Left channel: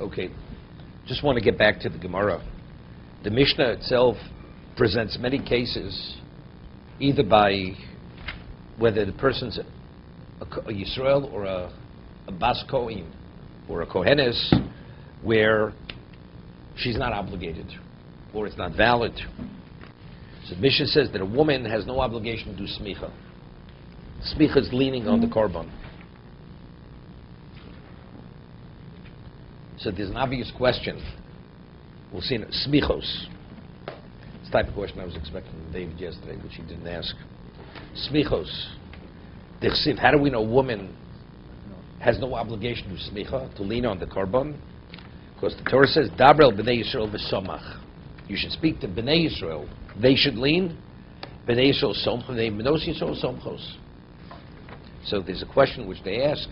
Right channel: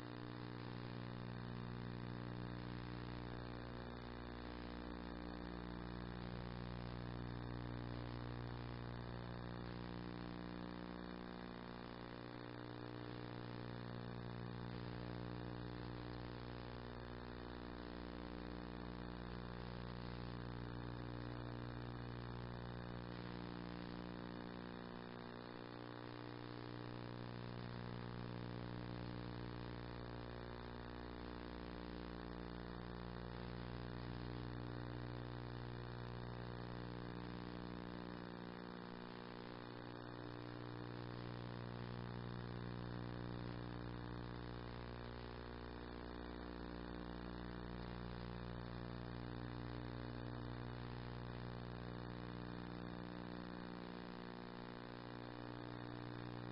Okay, just want to get back to the Gemara. The Mishnah itself presents many cases, either by whether the person's a Yisrael or a Bas Kohen or a Kohenes, where she's not obligated or it's not valid. So the Mishnah says that a woman has no obligation to do smicha. Smicha is leaning on the korban. So there's an obvious question. We'll see in smichos. It's the type of question I was expecting from David yesterday, which he didn't ask. Smichos. Dichsiv, how do we know a woman has no obligation to smicha, to lean on the korban? Because the Torah says, Dabrel b'nei Yisrael v'somach. You should speak to b'nei Yisrael. They should lean. B'nei Yisrael somchos, b'nei Yisrael somchos. So there's a question which they ask.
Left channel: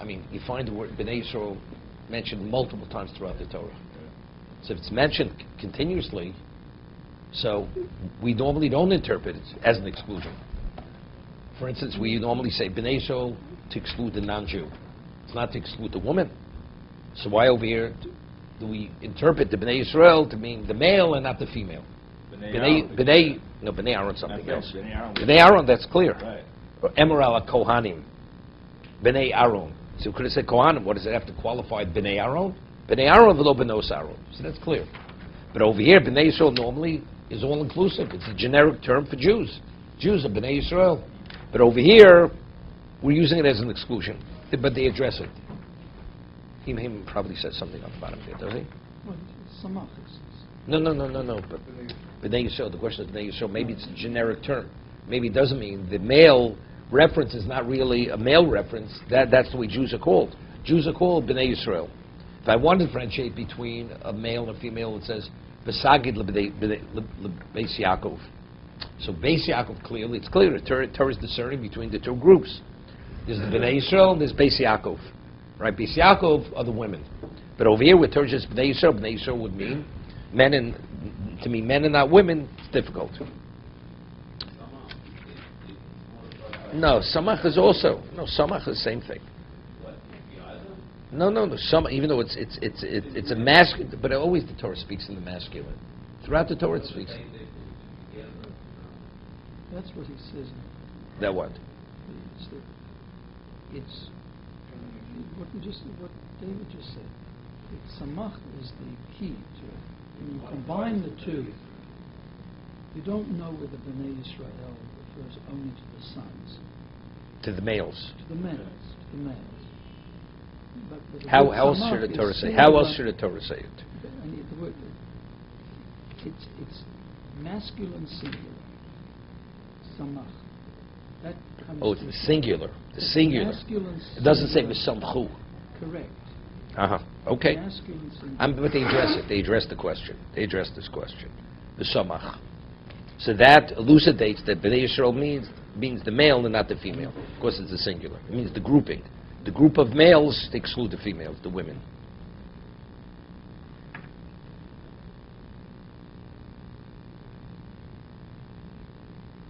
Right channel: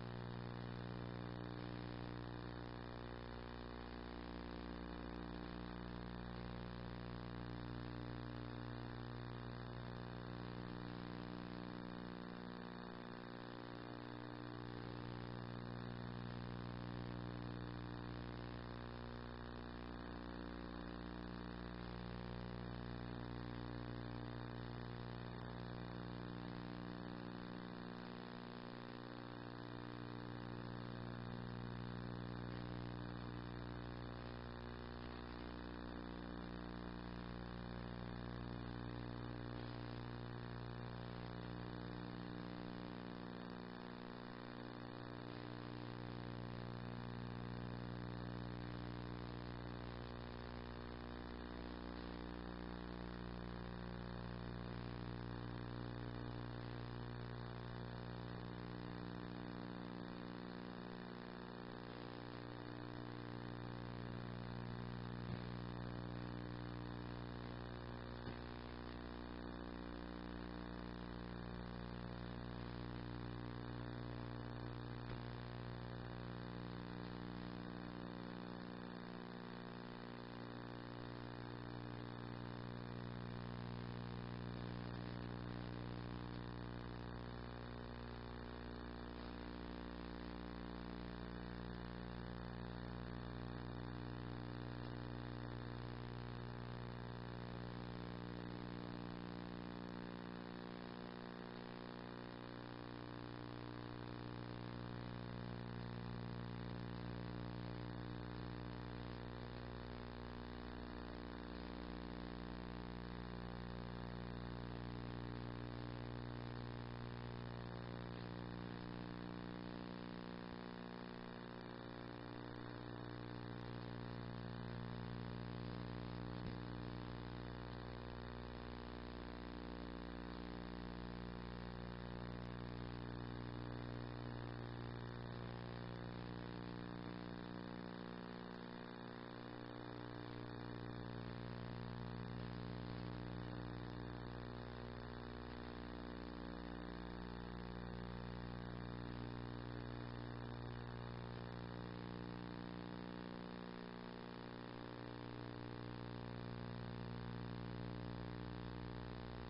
I mean, you find the word b'nei Yisrael mentioned multiple times throughout the Torah. So if it's mentioned continuously, so we normally don't interpret it as an exclusion. For instance, we normally say b'nei Yisrael to exclude the non-Jew. It's not to exclude the woman. So why over here do we interpret the b'nei Yisrael to mean the male and not the female? B'nei Aaron something else. B'nei Aaron, that's clear. Right. Or Emerald Kohanim. B'nei Aaron. So could have said Kohanim. What does it have to qualify? B'nei Aaron? B'nei Aaron v'lo b'nos Aaron. So that's clear. But over here, b'nei Yisrael normally is all-inclusive. It's a generic term for Jews. Jews are b'nei Yisrael. But over here, we're using it as an exclusion. But they address it. He probably says something on the bottom here, does he? No. But B'nai Yisrael, the question is B'nai Yisrael, maybe it's a generic term. Maybe it doesn't mean the male reference is not really a male reference. That's the way Jews are called. Jews are called B'nai Yisrael. If I want to differentiate between a male and a female, it says B'sagid Beis Yaakov. So Beis Yaakov, clearly, it's clear. The Torah is discerning between the two groups. There's the B'nai Yisrael and there's Beis Yaakov. Right? Beis Yaakov are the women. But over here, where Torah says B'nai Yisrael would mean men and not women. It's difficult. No, samach is also samach is the same thing. No. Samach, even though it's a masculine, but always the Torah speaks in the masculine. Throughout the Torah, it speaks. That's what he says. That what? It's what David just said. Samach is the key to it. When you combine the two, you don't know whether B'nai Yisrael refers only to the sons. To the males. To the males. How else should the Torah say? How else should the Torah say it? I mean, the word, it's masculine singular. Samach. That comes It's the singular. The singular. It doesn't say v'samchu. Correct. Okay. Masculine singular. But they address it. They address the question. They address this question. The samach. So that elucidates that B'nai Yisrael means the male and not the female. Of course, it's the singular. It means the grouping. The group of males to exclude the females, the women.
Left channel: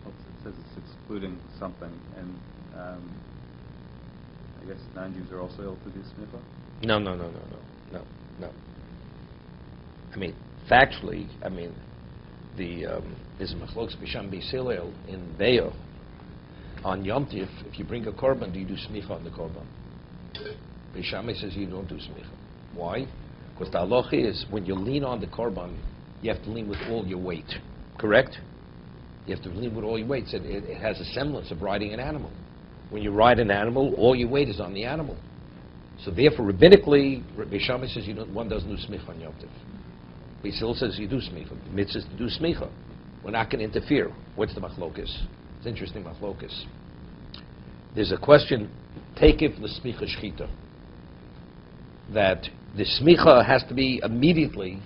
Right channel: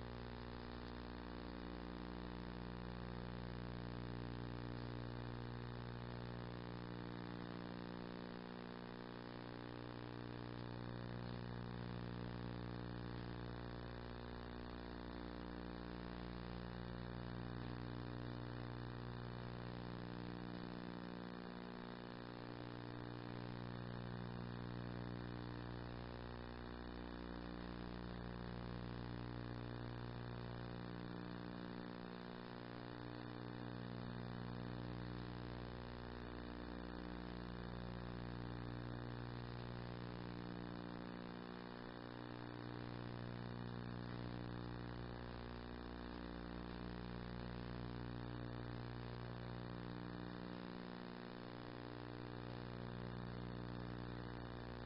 It says it's excluding something, and I guess non-Jews are also able to do smicha? No. I mean, factually, there's a machlokes b'sham b'Hillel in Be'ah. On Yom Tif, if you bring a korban, do you do smicha on the korban? B'Shamai says you don't do smicha. Why? Because the halacha is when you lean on the korban, you have to lean with all your weight. Correct? You have to lean with all your weight. So it has a semblance of riding an animal. When you ride an animal, all your weight is on the animal. So therefore, rabbinically, B'Shamai says one doesn't do smicha on Yom Tif. B'Hillel says you do smicha. Mitzvah is to do smicha. We're not going to interfere. What's the machlokes? It's interesting machlokes. There's a question, takif l'smicha shchita, that the smicha has to be immediately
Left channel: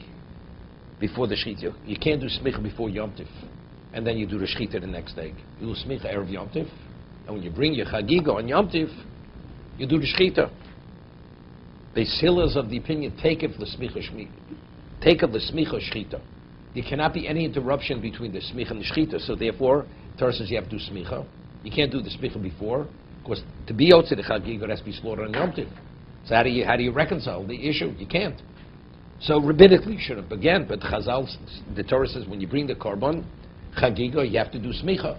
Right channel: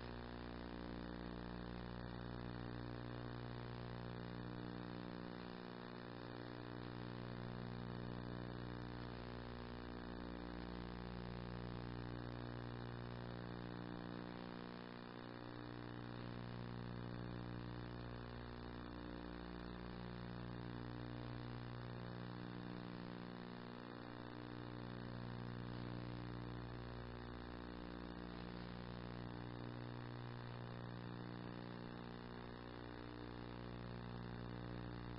before the shchita. You can't do smicha before Yom Tif, and then you do the shchita the next day. You do smicha erev Yom Tif, and when you bring your chagiga on Yom Tif, you do the shchita. The Hillel is of the opinion, takif l'smicha shchita. There cannot be any interruption between the smicha and the shchita, so therefore, Torah says you have to do smicha. You can't do the smicha before, because to be out to the chagiga, it has to be slaughtered on Yom Tif. So how do you reconcile the issue? You can't. So rabbinically you should have began, but Chazal, the Torah says when you bring the korban, chagiga, you have to do smicha,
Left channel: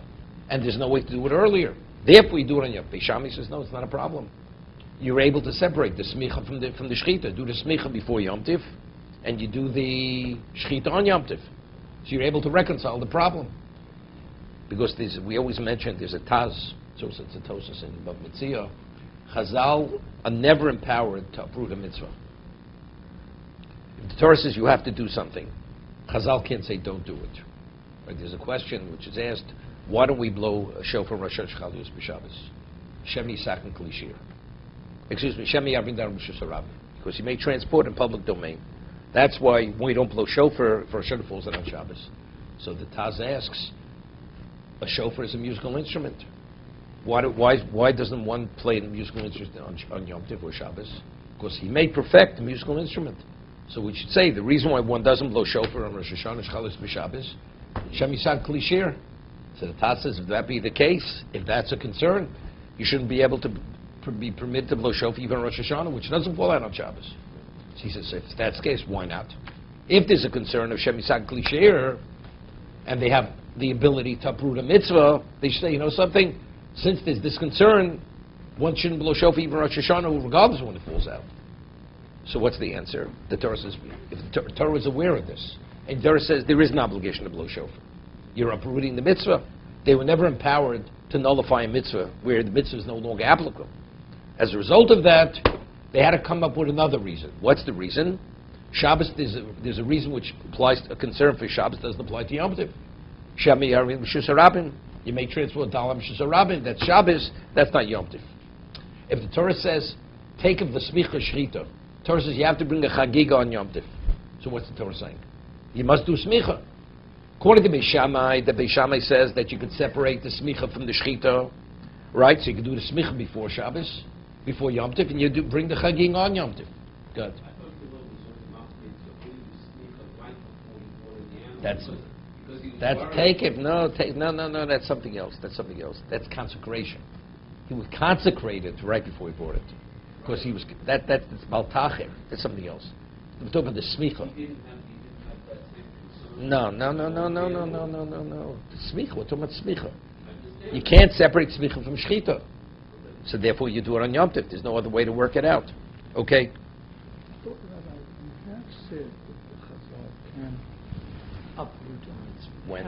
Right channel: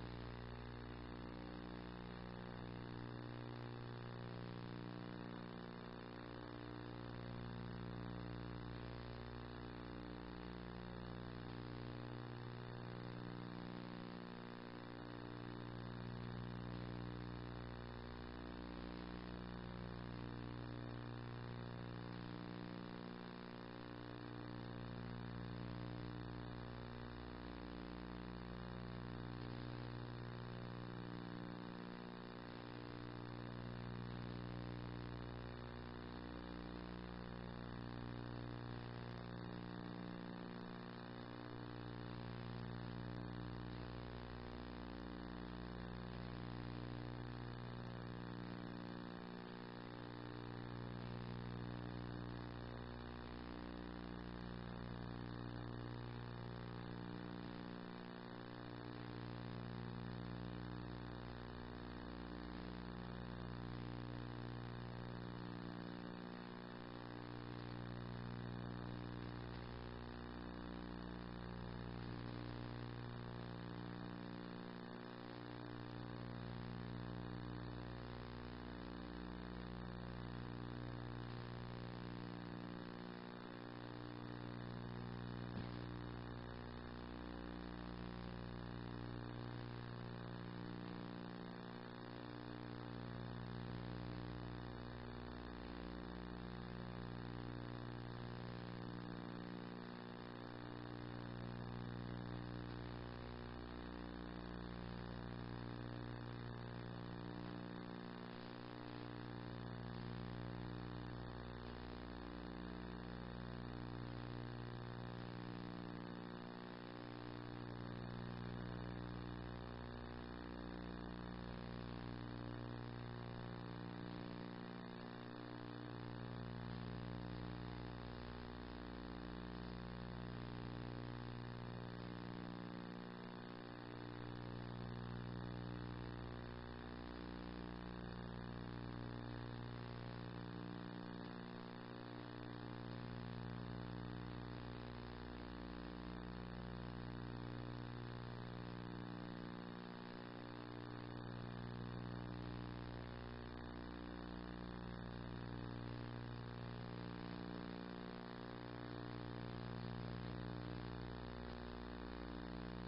and there's no way to do it earlier. Therefore, you do it on Yom Tif. Shami says no, it's not a problem. You're able to separate the smicha from the shechita. Do the smicha before Yom Tif, and you do the shechita on Yom Tif. So you're able to reconcile the problem. Because we always mention there's a taz, so it's a tosis in Bava Metzia. Chazal are never empowered to uproot a mitzvah. If the Torah says you have to do something, Chazal can't say don't do it. Right? There's a question which is asked, why don't we blow a shofar Rosh Hashanah b'Shabbos? Shemi Sakin Klishir. Excuse me, Shemi Yavin Dar Mishusarab. Because you may transport in public domain. That's why we don't blow shofar for Rosh Hashanah falls on Shabbos. So the Taz asks, a shofar is a musical instrument. Why doesn't one play the musical instrument on Yom Tov or Shabbos? Because he may perfect the musical instrument. So we should say the reason why one doesn't blow shofar on Rosh Hashanah, Shabbos, B'Shabbos, Shem Yisad Klishir. So the Taz says, if that be the case, if that's a concern, you shouldn't be able to be permitted to blow shofar even on Rosh Hashanah, which doesn't fall out on Shabbos. So he says, if that's the case, why not? If there's a concern of Shem Yisad Klishir, and they have the ability to uproot a mitzvah, they say, you know something, since there's this concern, one shouldn't blow shofar even Rosh Hashanah, regardless of when it falls out. So what's the answer? The Torah says, if the Torah is aware of this, and the Torah says there is an obligation to blow shofar, you're uprooting the mitzvah. They were never empowered to nullify a mitzvah where the mitzvah is no longer applicable. As a result of that, they had to come up with another reason. What's the reason? Shabbos, there's a reason which applies, a concern for Shabbos doesn't apply to Yom Tov. Shami Yarim Shusarabin, you may transport Dalam Shusarabin, that's Shabbos, that's not Yom Tov. If the Torah says, take of the Smicha Shechita, Torah says you have to bring a Chagiga on Yom Tov. So what's the Torah saying? You must do Smicha. According to Beis Shammai, the Beis Shammai says that you could separate the Smicha from the Shechita, right? So you could do the Smicha before Shabbos, before Yom Tov, and you bring the Chagiga on Yom Tov. Good. That's take it. No, that's something else. That's consecration. He was consecrated right before he bought it. Because he was that's Baltacher. That's something else. We're talking about the smicha. No. The smicha. We're talking about smicha. You can't separate smicha from shechita. So therefore you do it on Yom Tov. There's no other way to work it out. Okay? When?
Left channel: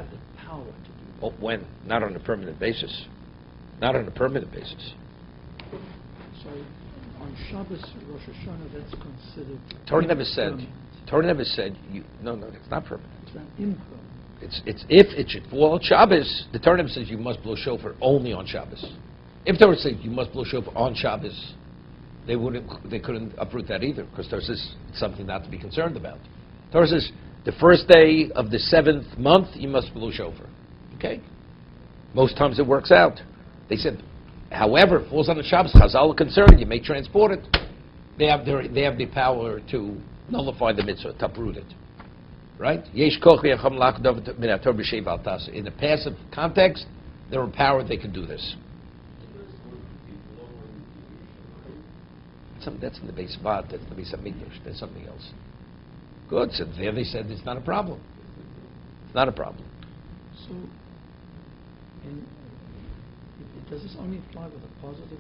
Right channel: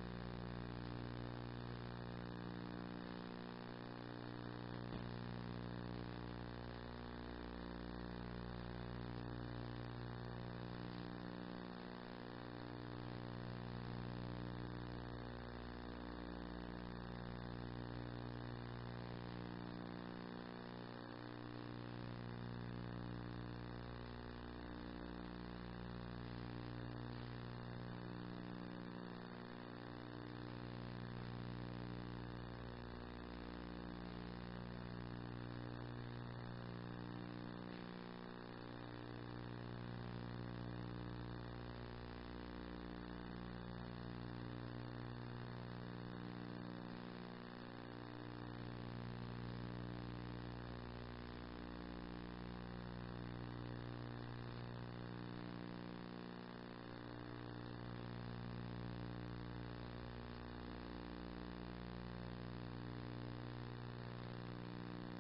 Oh, when? Not on a permanent basis. Not on a permanent basis. So on Shabbos, Rosh Hashanah, that's considered. Torah never said. No, it's not permanent. It's not impermanent. It's if it should fall on Shabbos. The Torah never says you must blow shofar only on Shabbos. If Torah said you must blow shofar on Shabbos, they couldn't uproot that either, because Torah says it's something not to be concerned about. Torah says the first day of the 7th month you must blow shofar. Okay? Most times it works out. They said, however, it falls on the Shabbos, Chazal are concerned, you may transport it. They have the power to nullify the mitzvah, to uproot it. Right? In the passive context, they're empowered, they can do this. That's in the base spot, that's the base Midrash, that's something else. Good, so there they said it's not a problem. Not a problem. So, does this only apply with a positive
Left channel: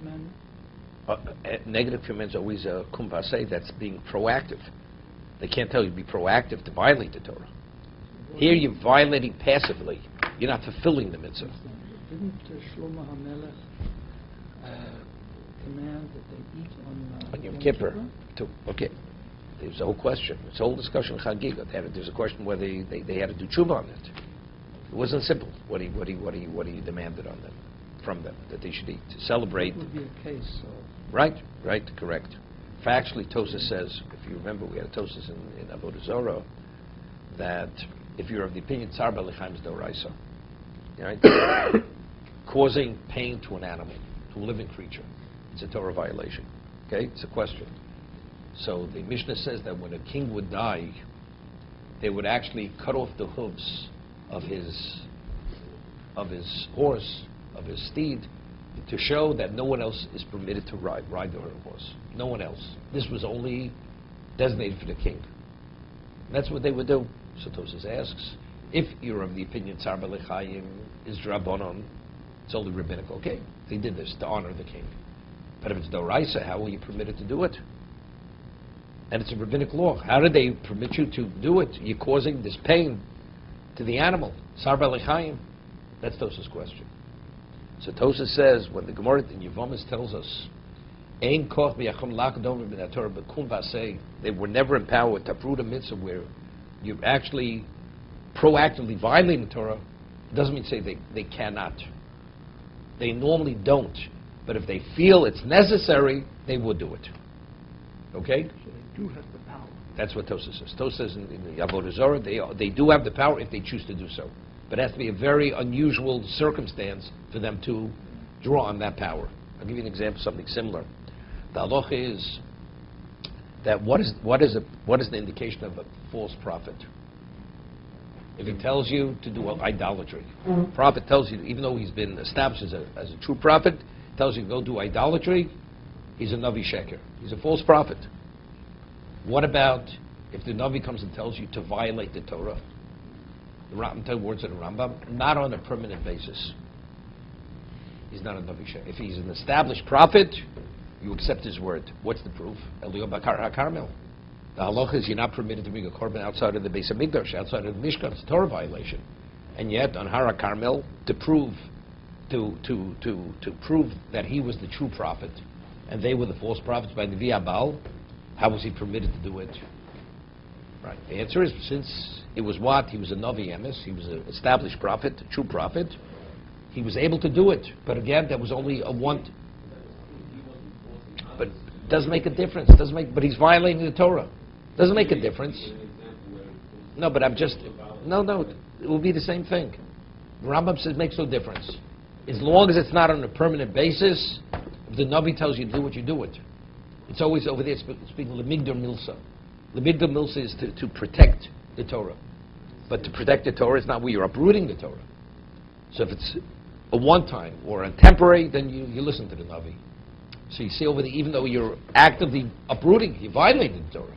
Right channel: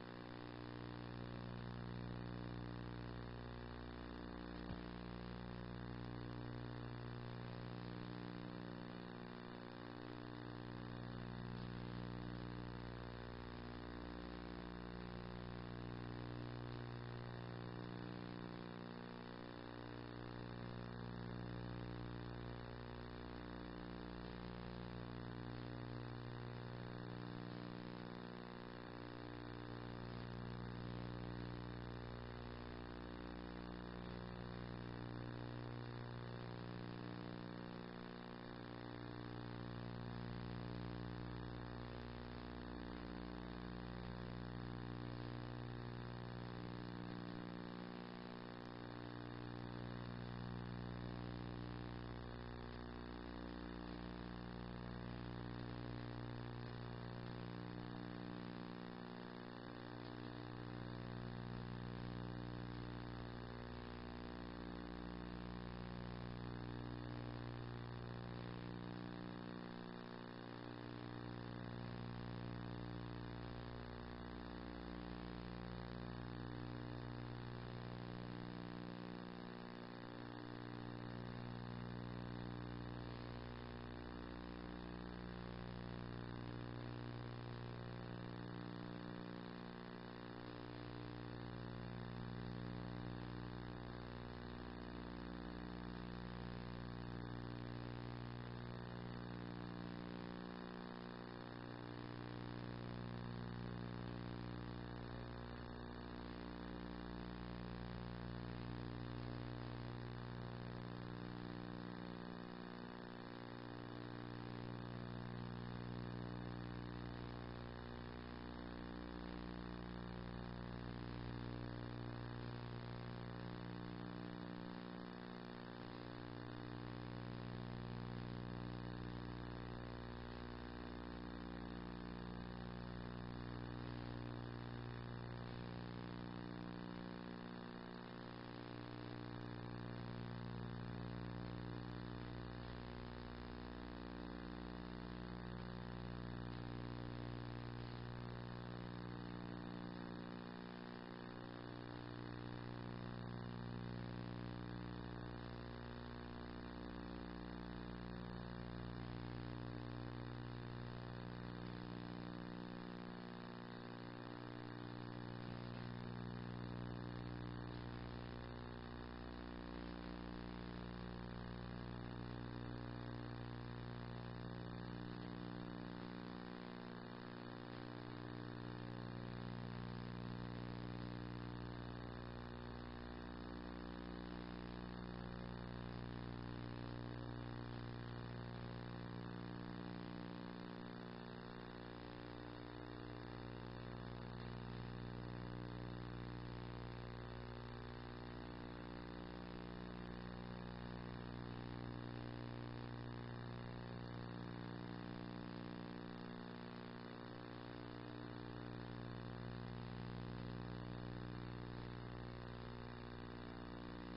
commandment? Negative commandments are always a kumbase, that's being proactive. They can't tell you to be proactive to violate the Torah. Here you're violating passively. You're not fulfilling the mitzvah. Didn't Shlomo HaMelech command that they eat on Yom Kippur? Okay. There's a whole question. It's a whole discussion of Chagiga. There's a question whether they had to do tshuva on it. It wasn't simple what he demanded on them, from them, that they should eat to celebrate. That would be a case. Right, correct. Factually, Tosas says, if you remember, we had a Tosas in Avodah Zorah, that if you're of the opinion Tzar B'Lechaim is Doraisa, right? Causing pain to an animal, to a living creature, it's a Torah violation. Okay, it's a question. So the Mishnah says that when a king would die, they would actually cut off the hooves of his horse, of his steed, to show that no one else is permitted to ride the horse. No one else. This was only designated for the king. That's what they would do. So Tosas asks, if you're of the opinion Tsar B'Lechayim is Drabonon, it's only rabbinical. Okay, they did this to honor the king. But if it's Doraisa, how are you permitted to do it? And it's a rabbinic law. How did they permit you to do it? You're causing this pain to the animal. Tsar B'Lechayim. That's Tosas' question. So Tosas says, when the Gemara in Yevomis tells us, Ein koch b'yachom lakdom b'nei Torah b'kum v'aseh, they were never empowered to uproot a mitzvah where you're actually proactively violating the Torah, doesn't mean to say they cannot. They normally don't. But if they feel it's necessary, they would do it. Okay? They do have the power. That's what Tosas says. Tosas says in the Avodah Zarah, they do have the power if they choose to do so. But it has to be a very unusual circumstance for them to draw on that power. I'll give you an example of something similar. The halacha is that what is the indication of a false prophet? If he tells you to do idolatry, prophet tells you, even though he's been established as a true prophet, tells you to go do idolatry, he's a Navi Sheker. He's a false prophet. What about if the Navi comes and tells you to violate the Torah? The words of the Rambam, not on a permanent basis. He's not a Navi Sheker. If he's an established prophet, you accept his word. What's the proof? Eliyah Bakar HaKarmel. The halacha is you're not permitted to bring a korban outside of the Beis HaMikdash, outside of the Mishkan. It's a Torah violation. And yet, on Har HaKarmel, to prove that he was the true prophet, and they were the false prophets by Nevi Abal, how was he permitted to do it? Right. The answer is, since it was what? He was a Navi Emes, he was an established prophet, a true prophet, he was able to do it. But again, that was only a one. But it doesn't make a difference. But he's violating the Torah. Doesn't make a difference. No, but no, it will be the same thing. Rambam says it makes no difference. As long as it's not on a permanent basis, if the Navi tells you to do it, you do it. It's always over there speaking Lemigdor Milsa. Lemigdor Milsa is to protect the Torah. But to protect the Torah is not where you're uprooting the Torah. So if it's a one-time or a temporary, then you listen to the Navi. So you see over there, even though you're actively uprooting, you're violating the Torah.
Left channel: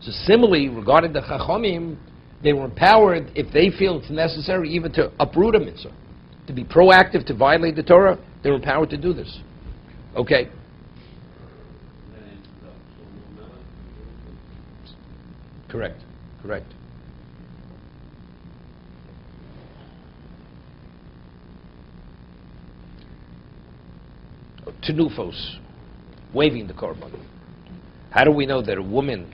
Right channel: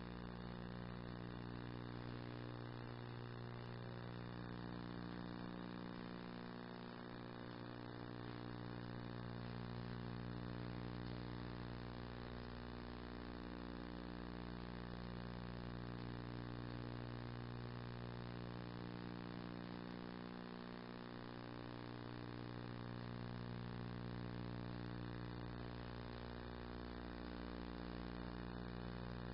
So similarly, regarding the Chachamim, they were empowered, if they feel it's necessary, even to uproot a mitzvah, to be proactive, to violate the Torah, they're empowered to do this. Okay? Correct. Tenufos, waving the korban. How do we know that a woman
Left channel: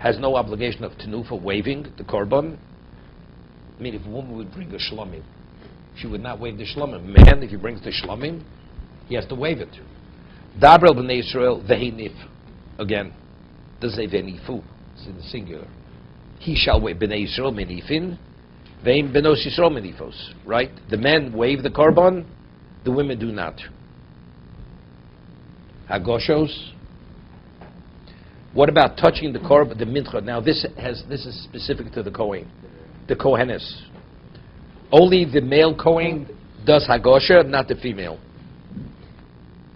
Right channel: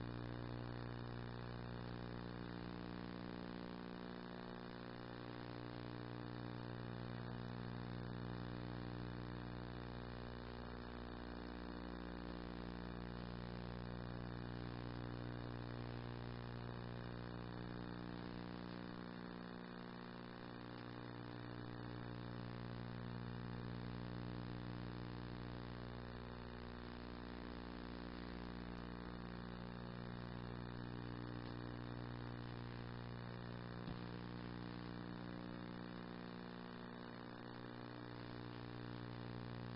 has no obligation of tenufa waving the korban? I mean, if a woman would bring a shlomim, she would not wave the shlomim. Man, if he brings the shlomim, he has to wave it. Dabrel b'nei Yisrael vehinif. Again, doesn't say venifu. It's in the singular. He shall wave b'nei Yisrael menifin, vein benos Yisrael menifos. Right? The men wave the korban, the women do not. Hagoshos. What about touching the korban, the mincha? Now this is specific to the Kohen, the Kohenes. Only the male Kohen does hagosha, not the female.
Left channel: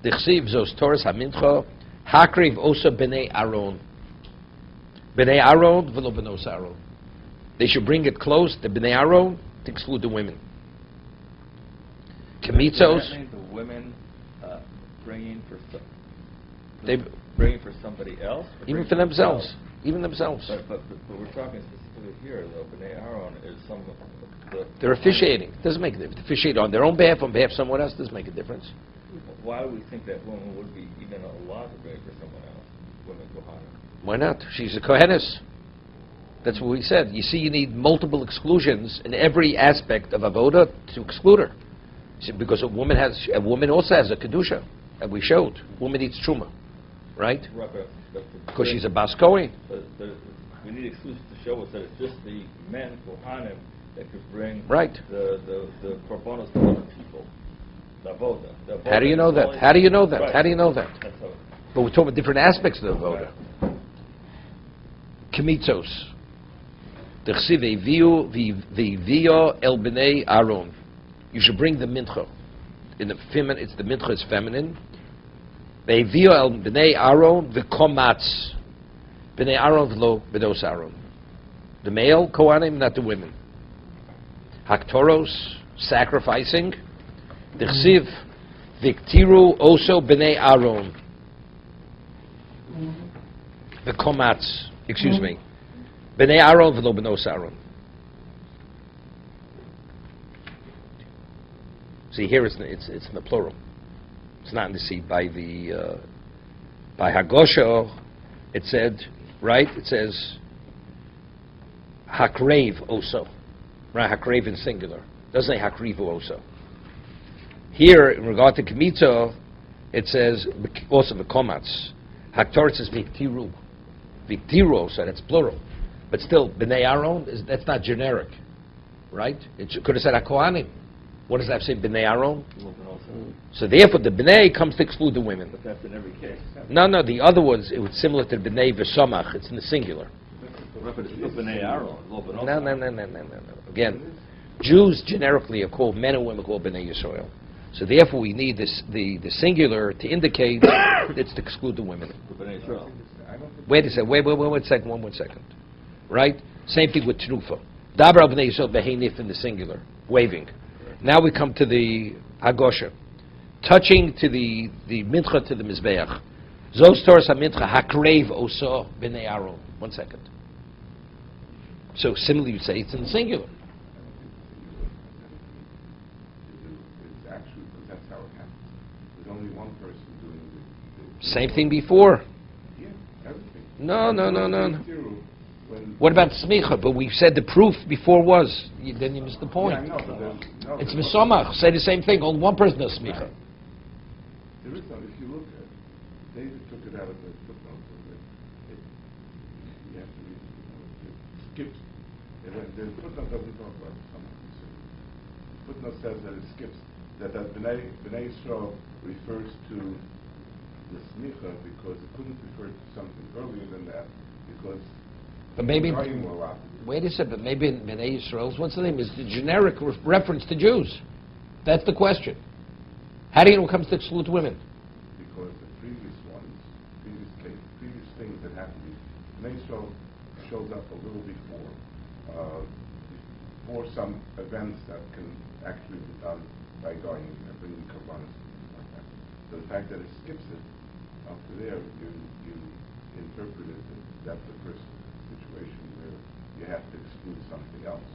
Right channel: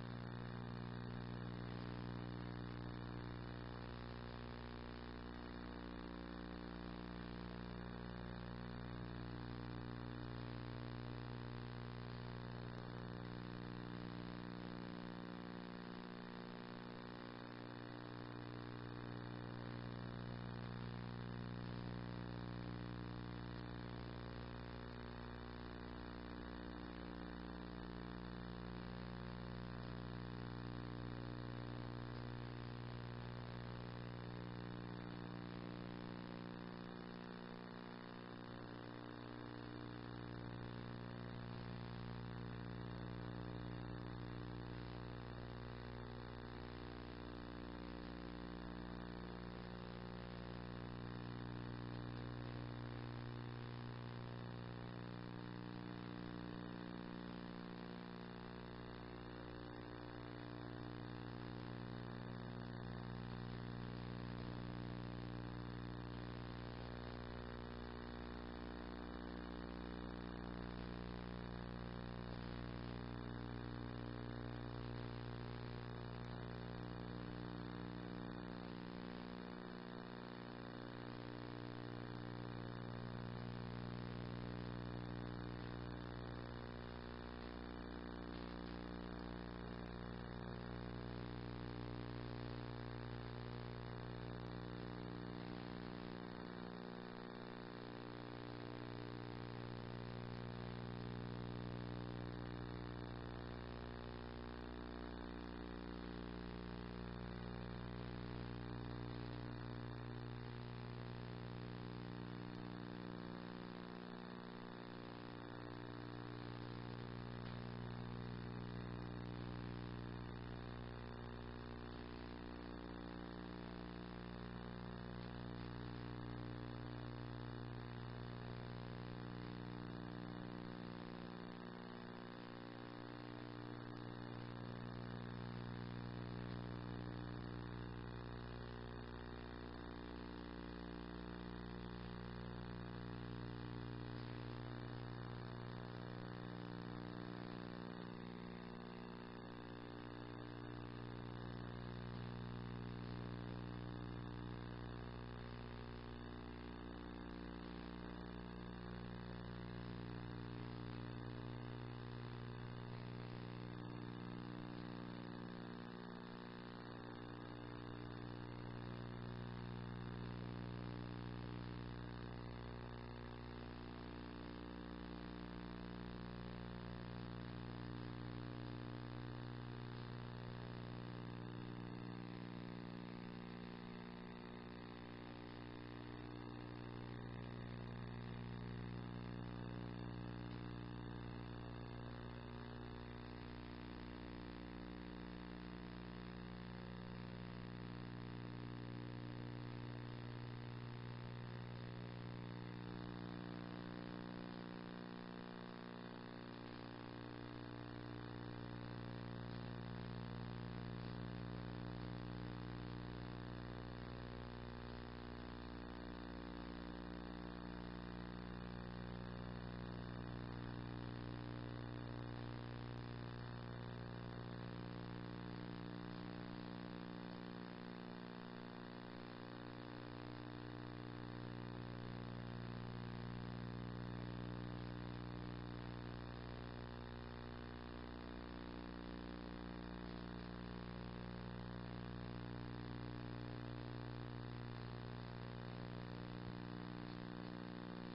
Dichsiv zos Torah hamincha hakriv osa b'nei Aaron. B'nei Aaron v'lo b'nos Aaron. They should bring it close, the b'nei Aaron, to exclude the women. Kemitzos. The women bringing for somebody else? Even for themselves. Even themselves. But we're talking specifically here, though. B'nai Aaron is some of the... They're officiating. It doesn't make a difference. Officiate on their own behalf, on behalf of someone else, doesn't make a difference. Why do we think that woman would be even allowed to bring for someone else? Women Kohanim. Why not? She's a Kohenes. That's what we said. You see, you need multiple exclusions in every aspect of Avoda to exclude her. See, because a woman also has a Kedusha, and we showed. Woman eats Truma. Right? Because she's a Bas Kohen. But we need exclusions to show us that it's just the men, Kohanim, that could bring the korbanos to other people. The avoda. How do you know that? How do you know that? Right. How do you know that? But we're talking about different aspects of the avoda. Kemitzos. V'ivio el b'nei Aaron. You should bring the mincha. in the feminine, it's the mincha is feminine. Ve'ivio el b'nei Aaron v'komatz. B'nei Aaron v'lo b'dos Aaron. The male kohanim, not the women. Haktoros, sacrificing. Dichsiv v'ktiru oso b'nei Aaron. V'komatz. Excuse me. B'nei Aaron v'lo b'nos Aaron. See, here it's in the plural. It's not in the seat. By Hagosha, it said, right? It says Hakrev also. Right? Hakrev in singular. Doesn't say Hakrivu also. Here, in regard to Kmitza, it says also V'komatz. Haktor says Viktiru. Viktiru also, that's plural. But still, B'nei Aaron, that's not generic. Right? It could have said HaKohanim. What does that say, B'nai Aaron? So therefore, the B'nai comes to exclude the women. But that's in every case. No, the other ones, it was similar to B'nai V'Samach. It's in the singular. B'nai Aaron. No. Again, Jews generically are called, men and women are called B'nai Yisrael. So therefore, we need the singular to indicate it's to exclude the women. Wait a second. Wait 1 second. Right? Same thing with Tnufa. Dabar al B'nai Yisrael Behenif in the singular. Waving. Now we come to the Hagosha. Touching to the mincha to the Mizbeach. Zos Toras HaMincha Hakrev Oso B'nei Aaron. 1 second. So similarly you say it's in the singular. Actually, that's how it happens. There's only one person doing it. Same thing before. Yeah, everything. No. What about smicha? But we said the proof before was. Then you missed the point. Yeah, I know, but It's misomach. Say the same thing. Only one person does smicha. There is no, if you look at it, David took it out of the footnote. It skips. The footnote doesn't talk about it. Footnote says that it skips, that B'nai Yisrael refers to the smicha because it couldn't refer to something earlier than that, because But maybe, more rapidly. wait a second, but maybe in B'nai Yisrael's, what's the name, is the generic reference to Jews. That's the question. How do you know it comes to exclude women? Because the previous ones, previous things that happened, B'nai Yisrael shows up a little before, for some events that can actually be done by going and bringing Kabbalah. So the fact that it skips it up to there, you interpret it that the first situation where you have to exclude something else.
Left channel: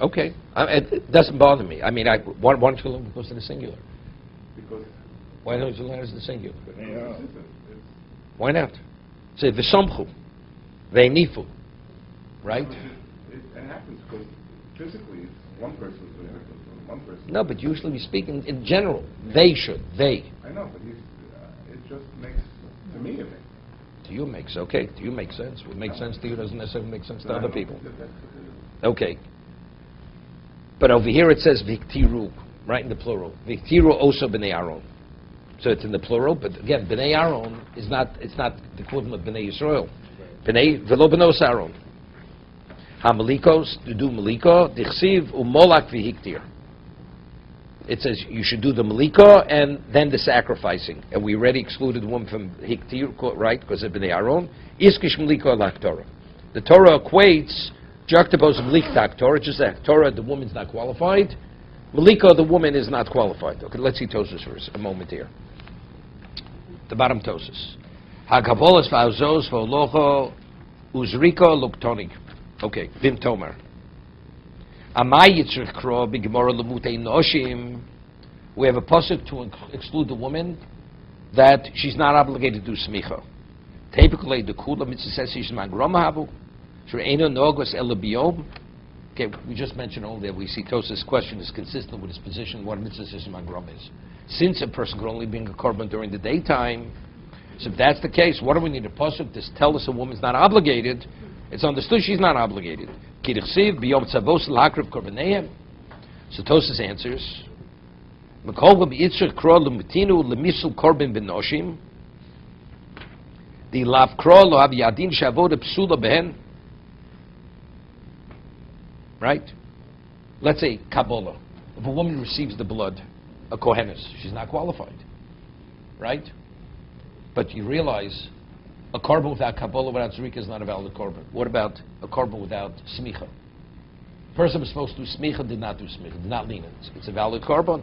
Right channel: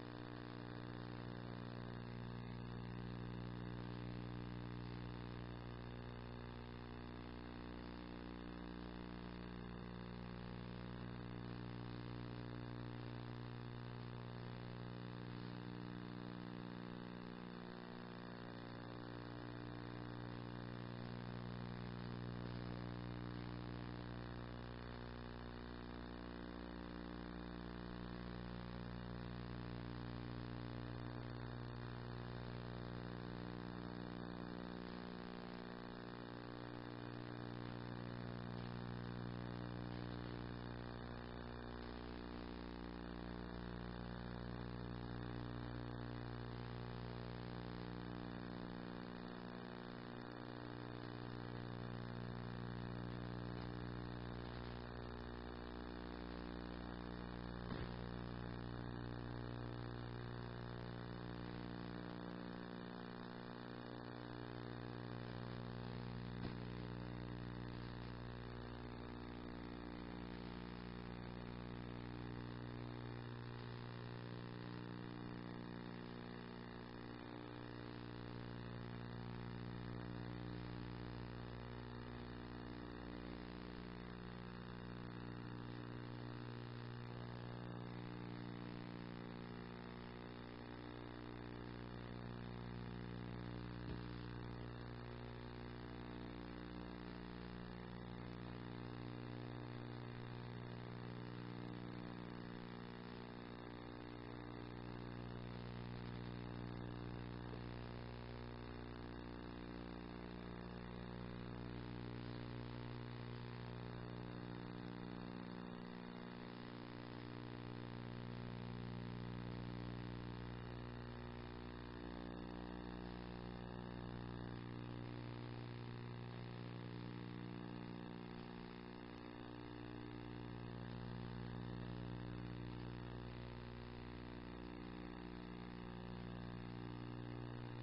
Okay. It doesn't bother me. I mean, why don't you learn goes to the singular? Because Why don't you learn as the singular? it's Why not? Say, v'somchu, ve'nifu, right? it happens because physically it's one person doing it, one person. No, but usually we speak in general. They should. They. I know, but it just makes, to me it makes. To you makes, okay. To you makes sense. What makes sense to you doesn't necessarily make sense to No, I other know people. that- Okay. But over here it says viktiru, right in the plural. Viktiru also b'nei Aaron. So it's in the plural, but again, b'nei Aaron is not, it's not the equivalent of b'nei Yisrael. B'nei, v'lo b'nos Aaron. Ha-malikos, to do maliko, dichsiv umolak v'hiktir. It says you should do the malika and then the sacrificing. And we already excluded the woman from hiktir, right, because of b'nei Aaron. Iskish malika lak Torah. The Torah equates juxtapose Malik to Torah, just that Torah, the woman's not qualified. Malika, the woman is not qualified. Okay, let's see Tosus for a moment here. The bottom Tosus. Hagavolas v'azos v'olocho uzriko luktonig. Okay, Vim Tomer. Amay yitzrich kro b'gemara lemutei noshim. We have a pasuk to exclude the woman that she's not obligated to do smicha. Typically, the kula mitzvah says she's mangroma habu. Okay, we just mentioned all that. We see Tosa's question is consistent with his position what mitzvah mangram is. Since a person can only bring a korban during the daytime, so if that's the case, what do we need a pasuk to tell us a woman's not obligated? It's understood she's not obligated. So Tosa's answers. The lav kro lo hab yadin shavod psula behen. Right? Let's say Kabbalah. If a woman receives the blood, a kohenes, she's not qualified, right? But you realize a korban without Kabbalah, without Zrika is not a valid korban. What about a korban without smicha? Person was supposed to do smicha, did not do smicha, did not lean it. It's a valid korban,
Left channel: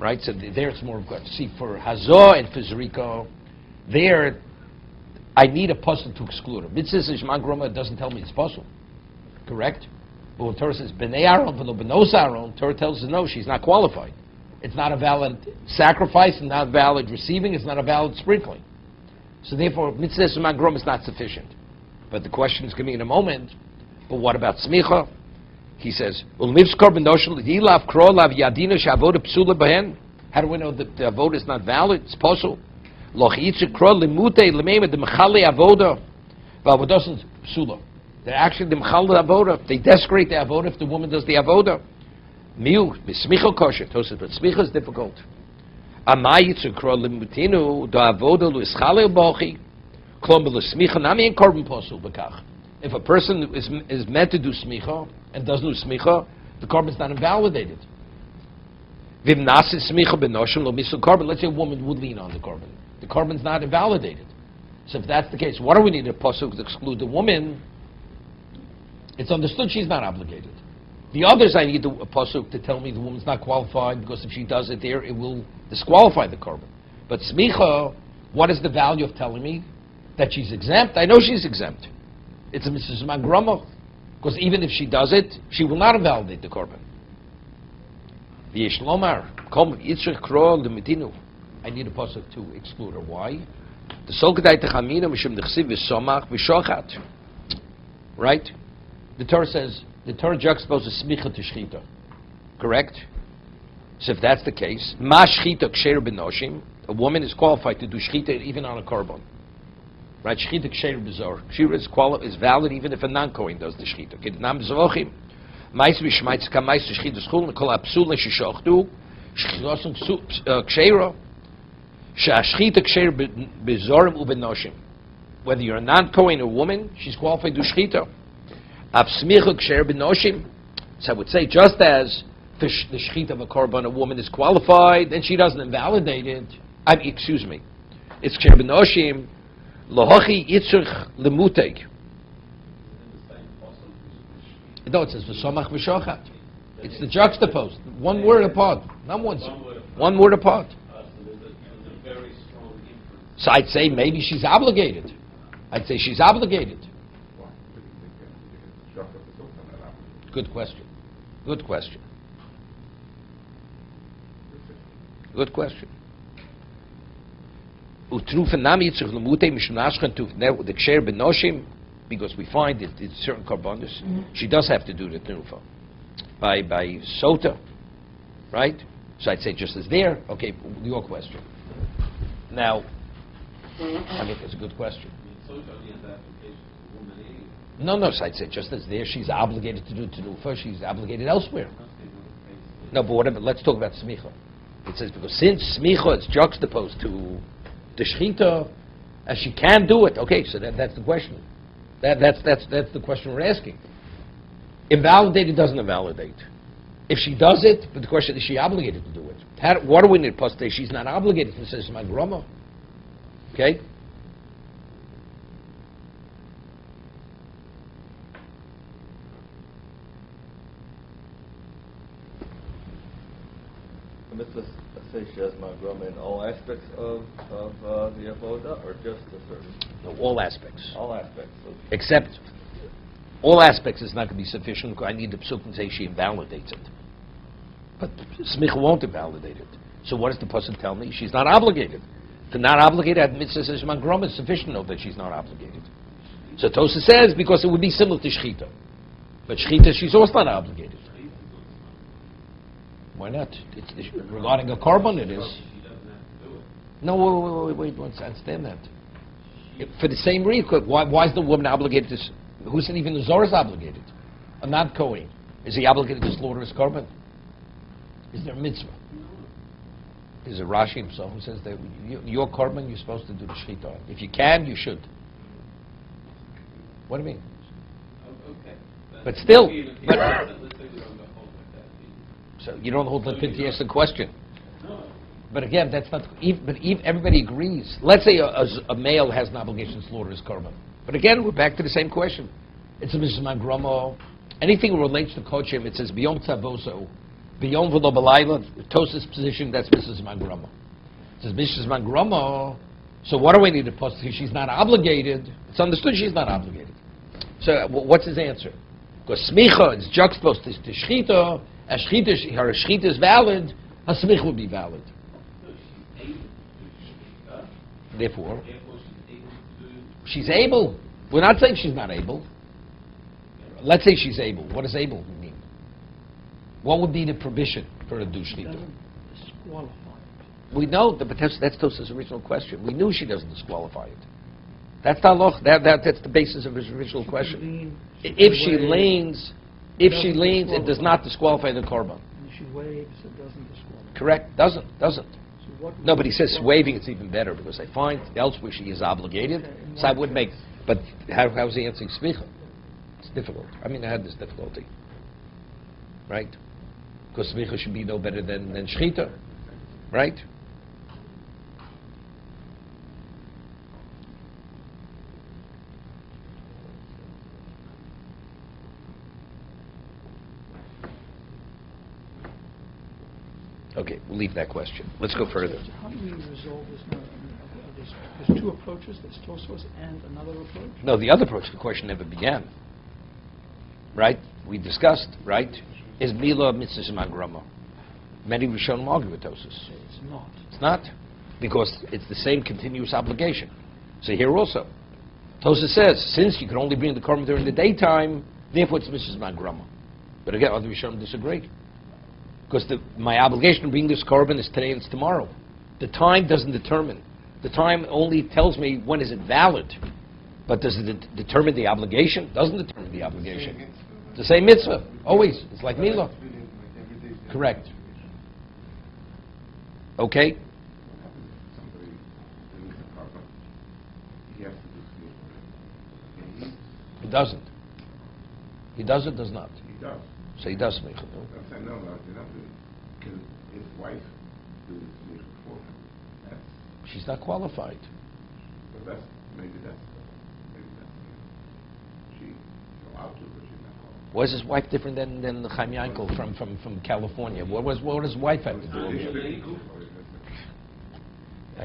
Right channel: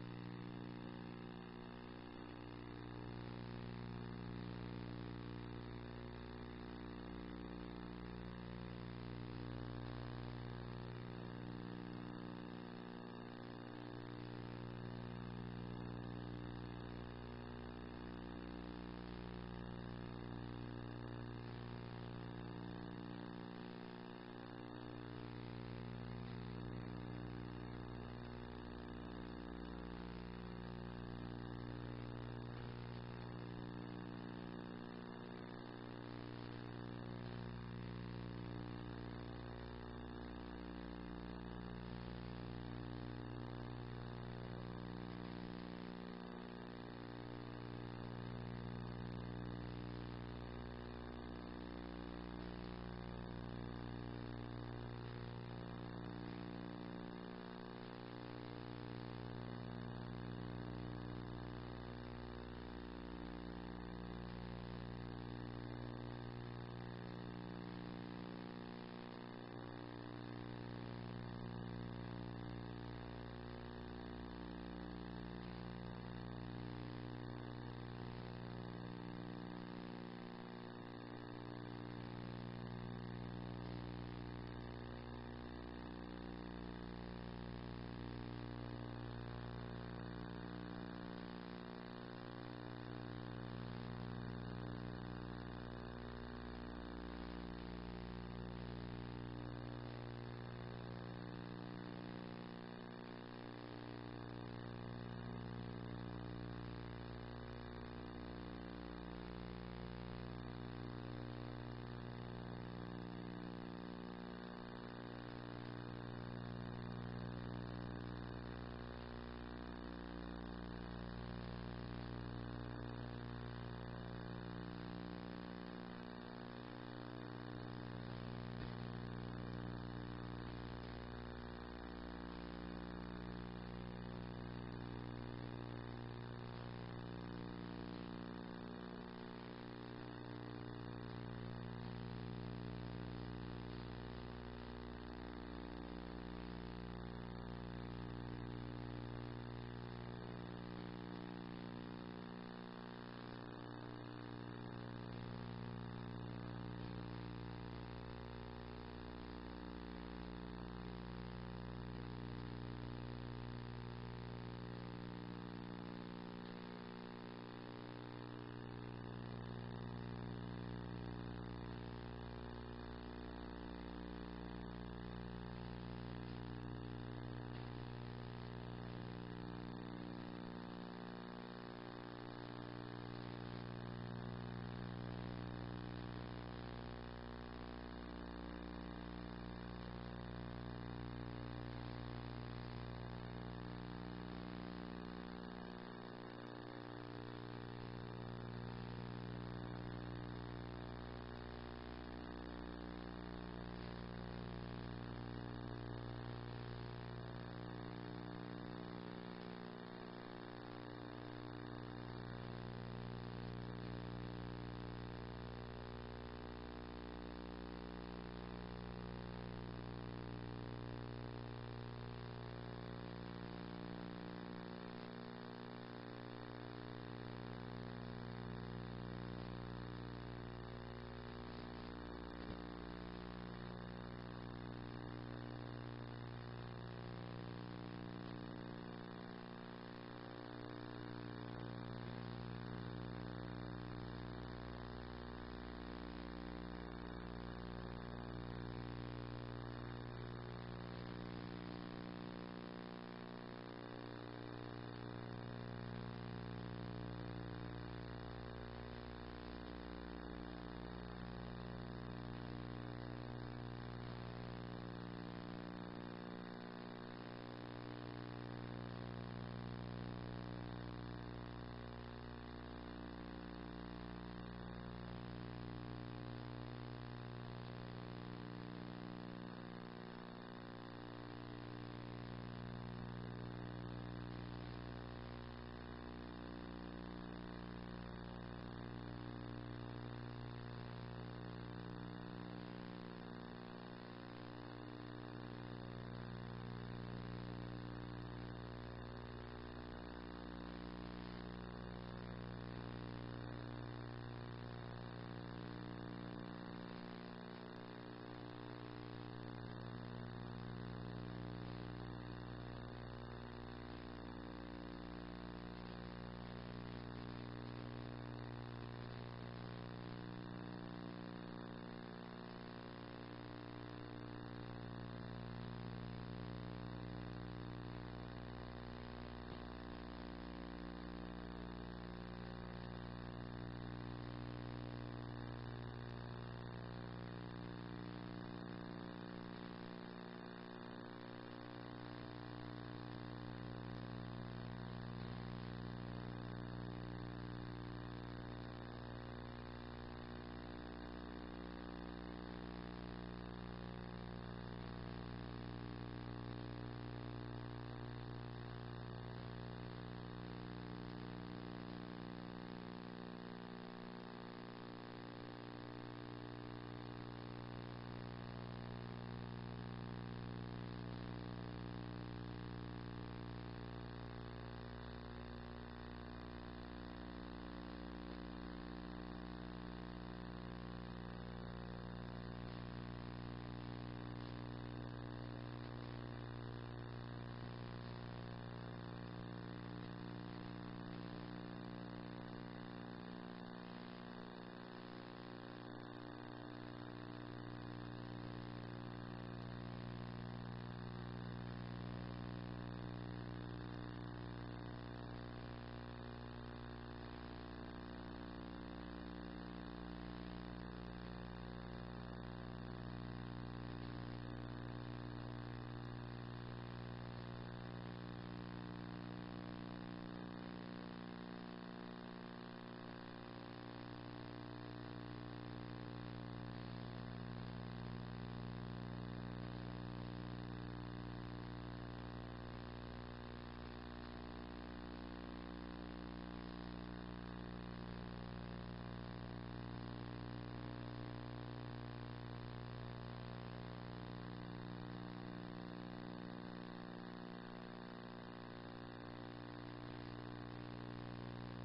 right? So there it's more good. See, for hazah and for Zrika, there I need a puzzle to exclude her. Mitzvah Shema Groma doesn't tell me it's puzzle, correct? But when Torah says B'nei Aaron, v'lo b'nos Aaron, Torah tells us no, she's not qualified. It's not a valid sacrifice, and not valid receiving, it's not a valid sprinkling. So therefore, Mitzvah Shema Groma is not sufficient. But the question is going to be in a moment, but what about smicha? He says, how do we know that the avoda is not valid? It's possible. They're actually the mechal avoda. They desecrate the avoda if the woman does the avoda. Miu, b'smicha kosher. Tosef, but smicha is difficult. If a person is meant to do smicha and doesn't do smicha, the korban is not invalidated. Let's say a woman would lean on the korban. The korban is not invalidated. So if that's the case, what do we need a pasuk to exclude the woman? It's understood she's not obligated. The others, I need a pasuk to tell me the woman's not qualified because if she does it there, it will disqualify the korban. But smicha, what is the value of telling me that she's exempt? I know she's exempt. It's a Mrs. Magrama, because even if she does it, she will not invalidate the korban. I need a pasuk to exclude her. Why? Right? The Torah says, the Torah juxtaposes smicha to shchita. Correct? So if that's the case, ma shchita ksher b'noshim, a woman is qualified to do shchita even on a korban. Right? Shchita ksher b'zor. Shchita is valid even if a non-kohen does the shchita. Kednam b'zochim. Mais v'shmaitz kamais shchita schul nekol apsul neshishochtu shchitosum kshera shashchita ksher b'zorim u'b'noshim. Whether you're a non-kohen or woman, she's qualified to do shchita. Absmicha ksher b'noshim. So I would say just as the shchita of a korban, a woman is qualified and she doesn't invalidate it. Excuse me. It's ksher b'noshim. Lohachi yitzurch lemuteg. No, it says v'somach v'shochat. It's the juxtaposed. One word apart. Not once. One word apart. So I'd say maybe she's obligated. I'd say she's obligated. Good question. Good question. Good question. Because we find that in certain korbanos, she does have to do the tenufa by sota, right? So I'd say just as there. Okay, your question. Now, I think it's a good question. No, so I'd say just as there, she's obligated to do tenufa, she's obligated elsewhere. No, but whatever, let's talk about smicha. It says, because since smicha is juxtaposed to the shechita, and she can do it, okay, so that's the question. That's the question we're asking. Invalidated doesn't invalidate. If she does it, but the question is she obligated to do it? What do we need to say? She's not obligated to say it's my grandma. Okay? Say she has magrama in all aspects of the avoda, or just a certain? No, all aspects. All aspects. Except, all aspects is not going to be sufficient. I need the psuk and say she invalidates it. But smicha won't invalidate it. So what does the pasuk tell me? She's not obligated. To not obligated, at mitzvah says magrama is sufficient to know that she's not obligated. So Tosa says because it would be similar to shchita. But shchita, she's also not obligated. Why not? It's regarding a korban, it is. No, wait, I understand that. For the same reason, why is the woman obligated to... Who said even the Zohar is obligated? A non-Kohen. Is he obligated to slaughter his korban? Is there a mitzvah? There's a Rashi himself who says that your korban, you're supposed to do the shechita. If you can, you should. What do you mean? Okay. But still... So you don't hold Lipin to ask the question. But again, that's not. Everybody agrees. Let's say a male has an obligation to slaughter his korban. But again, we're back to the same question. It's a Mrs. Mangromo. Anything relates to kochim, it says biyom tzavoso, biyom v'lo b'layla. Tosa's position, that's Mrs. Mangromo. It says Mrs. Mangromo. So what do we need to post? She's not obligated. It's understood she's not obligated. So what's his answer? Because smicha is juxtaposed to shchita. As her shchita is valid, her smicha would be valid. Therefore, she's able. We're not saying she's not able. Let's say she's able. What does able mean? What would be the prohibition for a dushchita? We know, but that's Tosa's original question. We knew she doesn't disqualify it. That's that's the basis of his original question. If she leans, it does not disqualify the korban. She waves, it doesn't disqualify. Correct? Doesn't. No, but he says waving it's even better because I find elsewhere she is obligated. So I would make. But how's he answering smicha? It's difficult. I mean, I had this difficulty, right? Because smicha should be no better than shchita, right? Okay, we'll leave that question. Let's go further. How do we resolve this now? There's two approaches, there's Tosfos and another approach? No, the other approach, the question never began. Right? We discussed, right? Is Mila Mitzvah Magrama? Many Rishonim argue with Tosos. It's not. It's not. Because it's the same continuous obligation. So here also, Tosos says, since you can only bring the korban during the daytime, therefore it's Mitzvah Magrama. But again, other Rishonim disagree. Because my obligation to bring this korban is today and it's tomorrow. The time doesn't determine. The time only tells me when is it valid. But does it determine the obligation? Doesn't determine the obligation. It's the same mitzvah, always. It's like Mila. Correct. Okay? He doesn't. He does it, does not. He does. So he does make it. No, because his wife do this before him. She's not qualified. So maybe that's she's out of it. Was his wife different than Chaim Yankel from California? What does his wife have to do with it?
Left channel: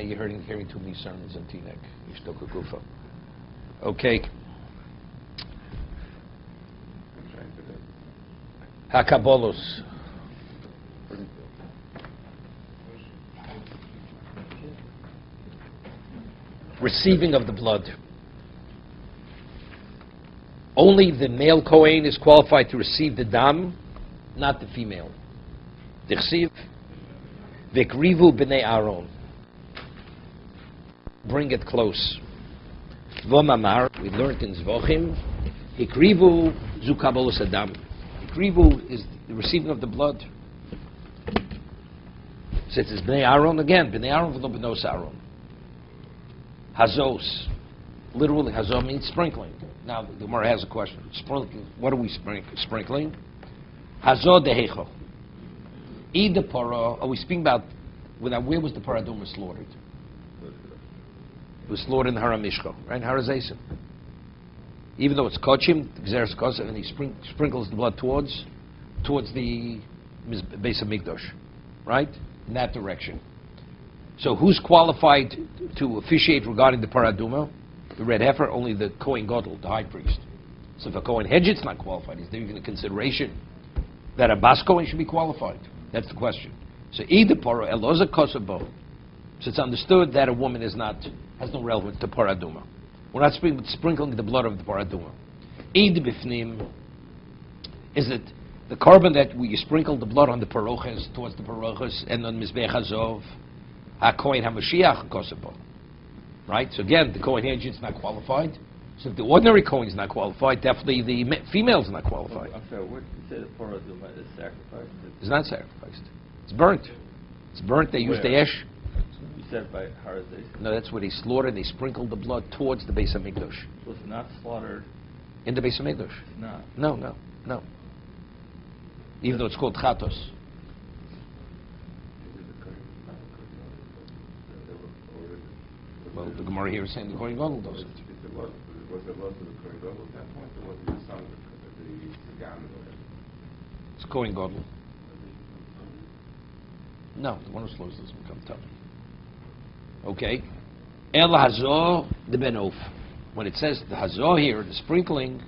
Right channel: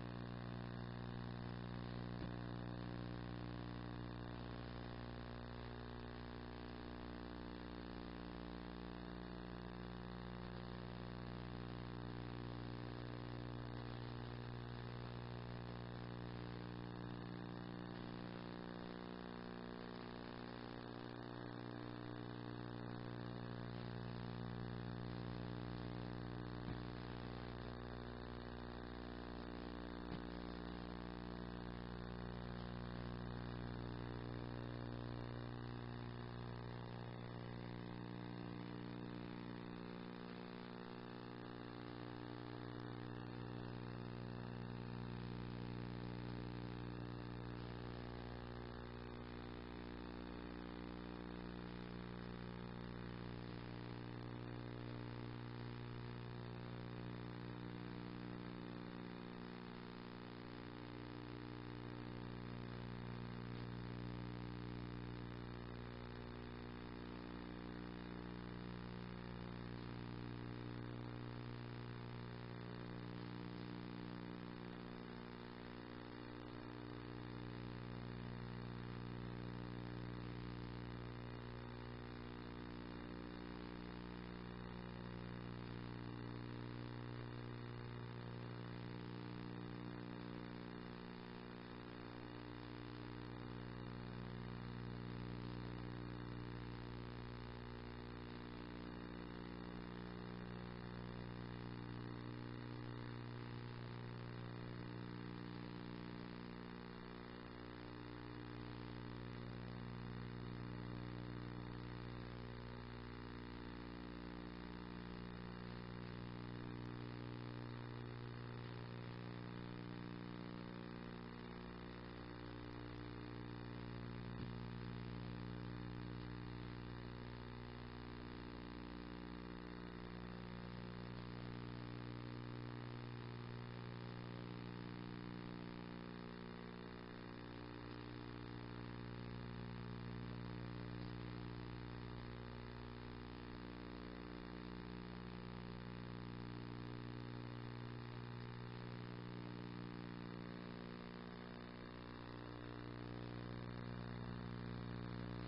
You're hearing too many sermons on Tinek. Okay. Hakabolos. Receiving of the blood. Only the male Kohen is qualified to receive the dam, not the female. Dichsiv, Vikrivu b'nei Aaron. Bring it close. V'mamar, we learned in Zvochim, Hikrivu zu kabolos adam. Hikrivu is the receiving of the blood. Since it's b'nei Aaron again, b'nei Aaron v'lo b'nos Aaron. Hazos. Literally, hazos means sprinkling. Now, the Gemara has a question. Sprinkling. What are we sprinkling? Hazo dehecho. Either para, are we speaking about, where was the paraduma slaughtered? It was slaughtered in the Haramishko, right? Harazesef. Even though it's kochim, Gzeres Kosev, and he sprinkles the blood towards the base of Mikdash, right? In that direction. So who's qualified to officiate regarding the paraduma? The red heifer, only the Kohen Gadol, the high priest. So if a Kohen Hedget's not qualified, is there even a consideration that a Bas Kohen should be qualified? That's the question. So either para eloza kosabo. So it's understood that a woman has no relevance to paraduma. We're not sprinkling the blood of the paraduma. Either bifnim, is it the korban that you sprinkle the blood on the parochas, towards the parochas, and on Mizbech Hazov, HaKohen HaMashiach kosabo. Right? So again, the Kohen Hedge is not qualified. So if the ordinary Kohen is not qualified, definitely the female is not qualified. I'm sorry, what you said for is sacrificed? It's not sacrificed. It's burnt. It's burnt. They use the ash. You said by Harazeh. No, that's where they slaughtered. They sprinkled the blood towards the base of Mikdash. So it's not slaughtered. In the base of Mikdash. No. No. Even though it's called Chatos. Well, the Gemara here is saying the Kohen Gadol does it. It's Kohen Gadol. No, the one who slows doesn't become tummy. Okay. El Hazor the Ben Of. When it says the Hazor here, the sprinkling,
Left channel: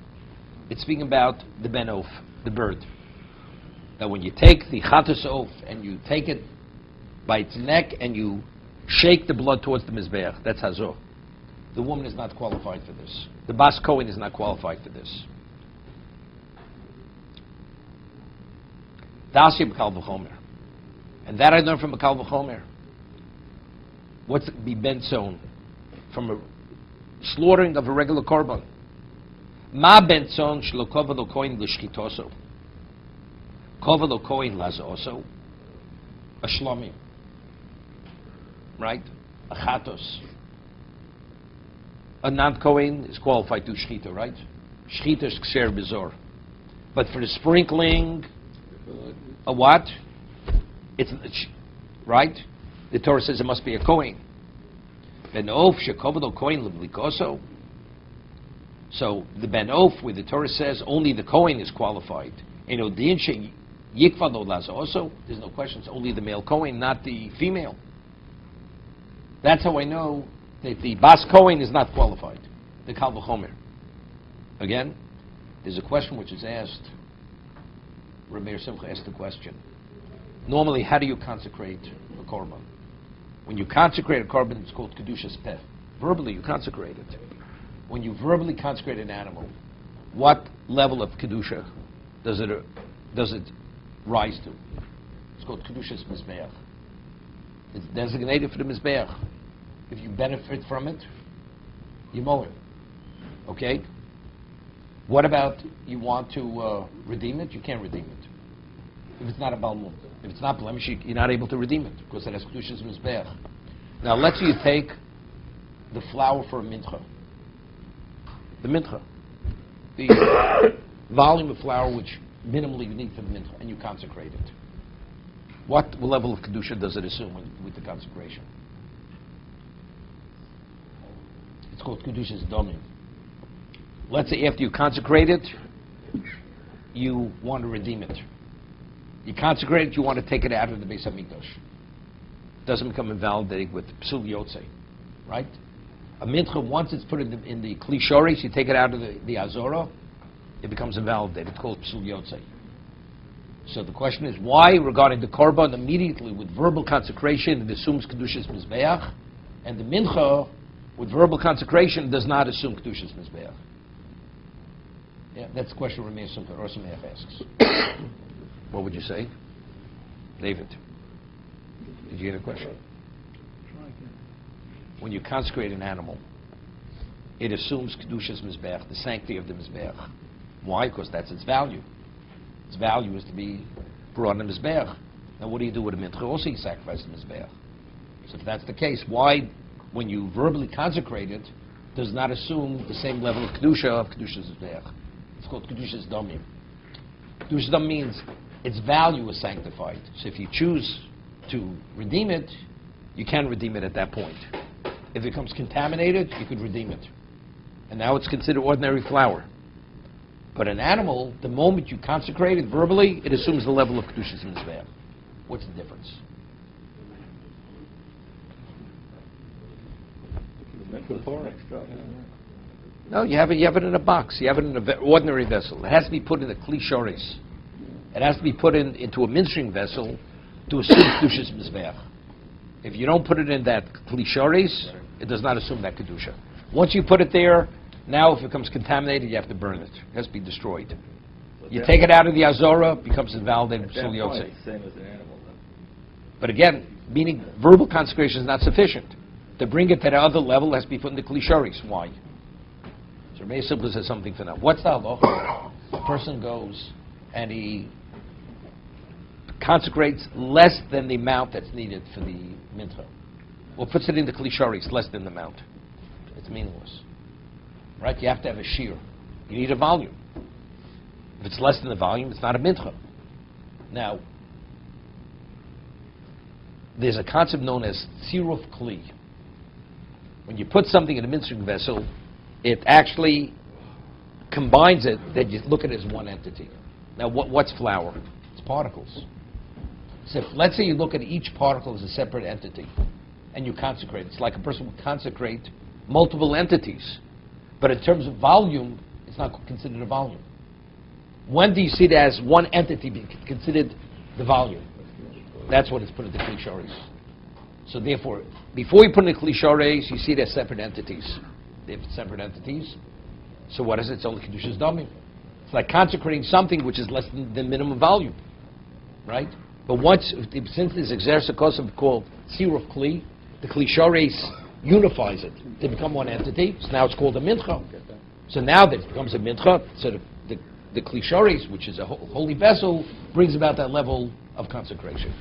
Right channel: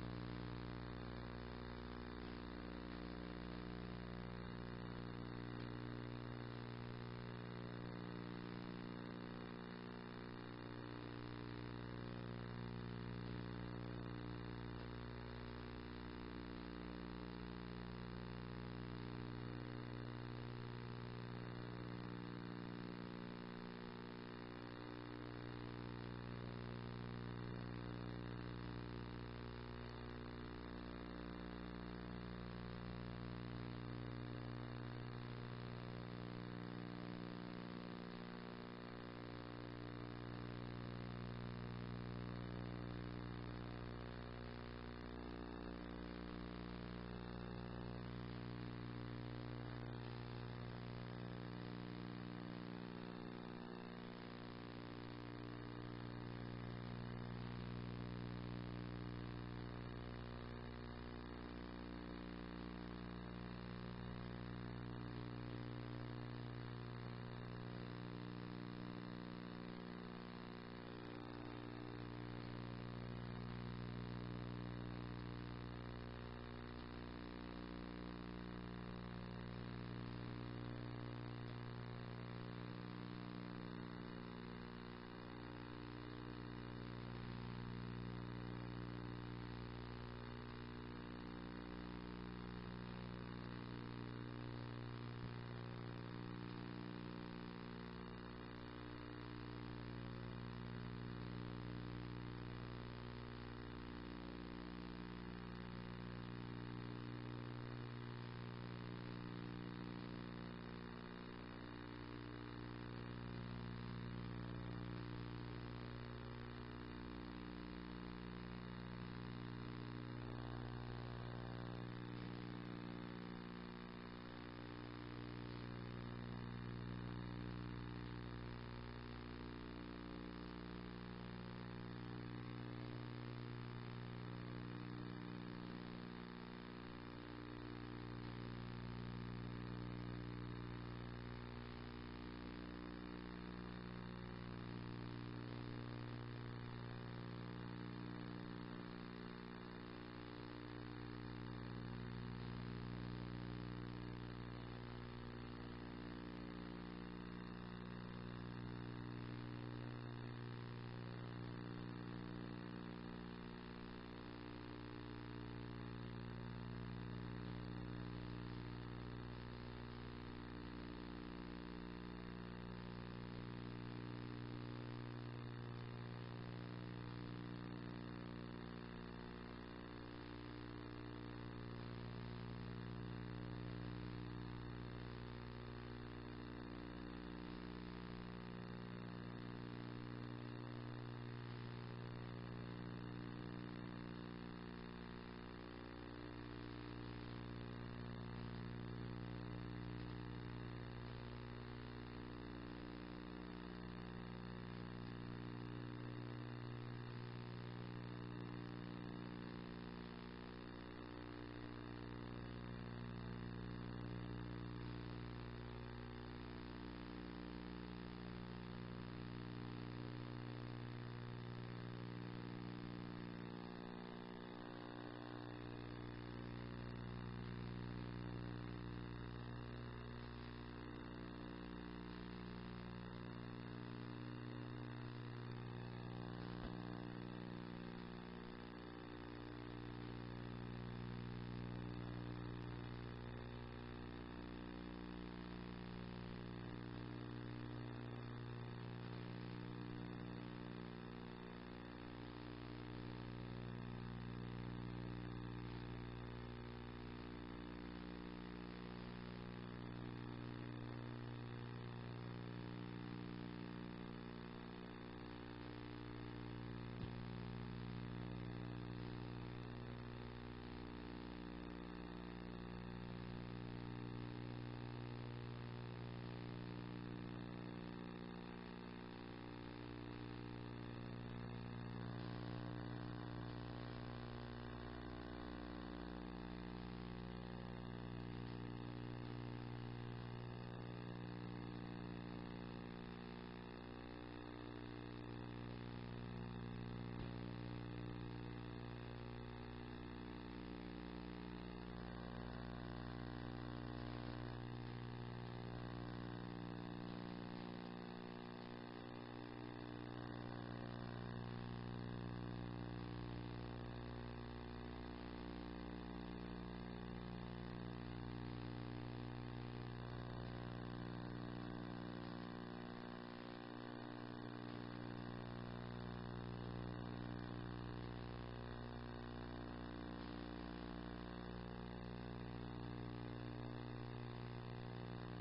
it's speaking about the Ben Of, the bird. That when you take the Chatos Of and you take it by its neck and you shake the blood towards the Mizbeach, that's Hazor. The woman is not qualified for this. The Bas Kohen is not qualified for this. Dasi B'Kal V'Chomer. And that I learned from B'Kal V'Chomer. What's the bentzon? From a slaughtering of a regular korban. Ma bentzon shelo kova lo kohen l'shchitoso. Kova lo kohen lazoso. A shlomim. Right? A chatos. A non-kohen is qualified to shchita, right? Shchita is kser bezor. But for the sprinkling, a what? It's right. The Torah says it must be a kohen. Ben Of shekovado kohen leblikoso. So the Ben Of, where the Torah says only the kohen is qualified. Odin she yikvado lazoso. There's no question. It's only the male kohen, not the female. That's how I know that the Bas Kohen is not qualified. The Kal V'Chomer. Again, there's a question which is asked. Rabbi Simcha asked the question. Normally, how do you consecrate a korban? When you consecrate a korban, it's called Kedushas Peh. Verbally, you consecrate it. When you verbally consecrate an animal, what level of Kedusha does it rise to? It's called Kedushas Mizbeach. It's designated for the Mizbeach. If you benefit from it, you mow it. Okay? What about you want to redeem it? You can't redeem it. If it's not a balmum. If it's not blemish, you're not able to redeem it because it has Kedushas Mizbeach. Now, let's say you take the flour for a mincha. The mincha. The volume of flour which minimally you need for the mincha, and you consecrate it. What level of Kedusha does it assume with the consecration? It's called Kedushas Domim. Let's say after you consecrate it, you want to redeem it. You consecrate it, you want to take it out of the Beis HaMikdash. It doesn't become invalidated with Psul Yotzei, right? A mincha, once it's put in the Kli Shoresh, you take it out of the Azora, it becomes invalidated. It's called Psul Yotzei. So the question is, why, regarding the korban, immediately with verbal consecration, it assumes Kedushas Mizbeach, and the mincha, with verbal consecration, does not assume Kedushas Mizbeach? Yeah, that's the question Rameh Simcha or Sameach asks. What would you say? David, did you get a question? When you consecrate an animal, it assumes Kedushas Mizbeach, the sanctity of the Mizbeach. Why? Because that's its value. Its value is to be brought in the Mizbeach. Now what do you do with a mincha? Also you sacrifice the Mizbeach. So if that's the case, why, when you verbally consecrate it, does not assume the same level of Kedusha of Kedushas Mizbeach? It's called Kedushas Domim. Kedushas Domim means its value is sanctified. So if you choose to redeem it, you can redeem it at that point. If it becomes contaminated, you could redeem it. And now it's considered ordinary flour. But an animal, the moment you consecrate it verbally, it assumes the level of Kedushas Mizbeach. What's the difference? No, you have it in a box. You have it in an ordinary vessel. It has to be put in a Kli Shoresh. It has to be put into a ministering vessel to assume Kedushas Mizbeach. If you don't put it in that Kli Shoresh, it does not assume that Kedusha. Once you put it there, now if it becomes contaminated, you have to burn it. It has to be destroyed. You take it out of the Azora, it becomes invalidated. But again, meaning verbal consecration is not sufficient. To bring it to the other level, it has to be put in the Kli Shoresh. Why? So Rabbi Simcha says something for now. What's the halacha? A person goes and he consecrates less than the amount that's needed for the mincha. Or puts it in the Kli Shoresh, less than the amount. It's meaningless. Right? You have to have a shear. You need a volume. If it's less than the volume, it's not a mincha. Now, there's a concept known as tziruf kli. When you put something in a mincing vessel, it actually combines it, that you look at it as one entity. Now, what's flour? It's particles. So let's say you look at each particle as a separate entity, and you consecrate. It's like a person would consecrate multiple entities. But in terms of volume, it's not considered a volume. When do you see it as one entity being considered the volume? That's what it's put into klishares. So therefore, before you put in the klishares, you see it as separate entities. They're separate entities. So what is it? It's only kedushas damim. It's like consecrating something which is less than the minimum volume, right? But since this exercise called sir of kli, the klishares unifies it. They become one entity. So now it's called a mincha. So now that it becomes a mincha, so the klishares, which is a holy vessel, brings about that level of consecration.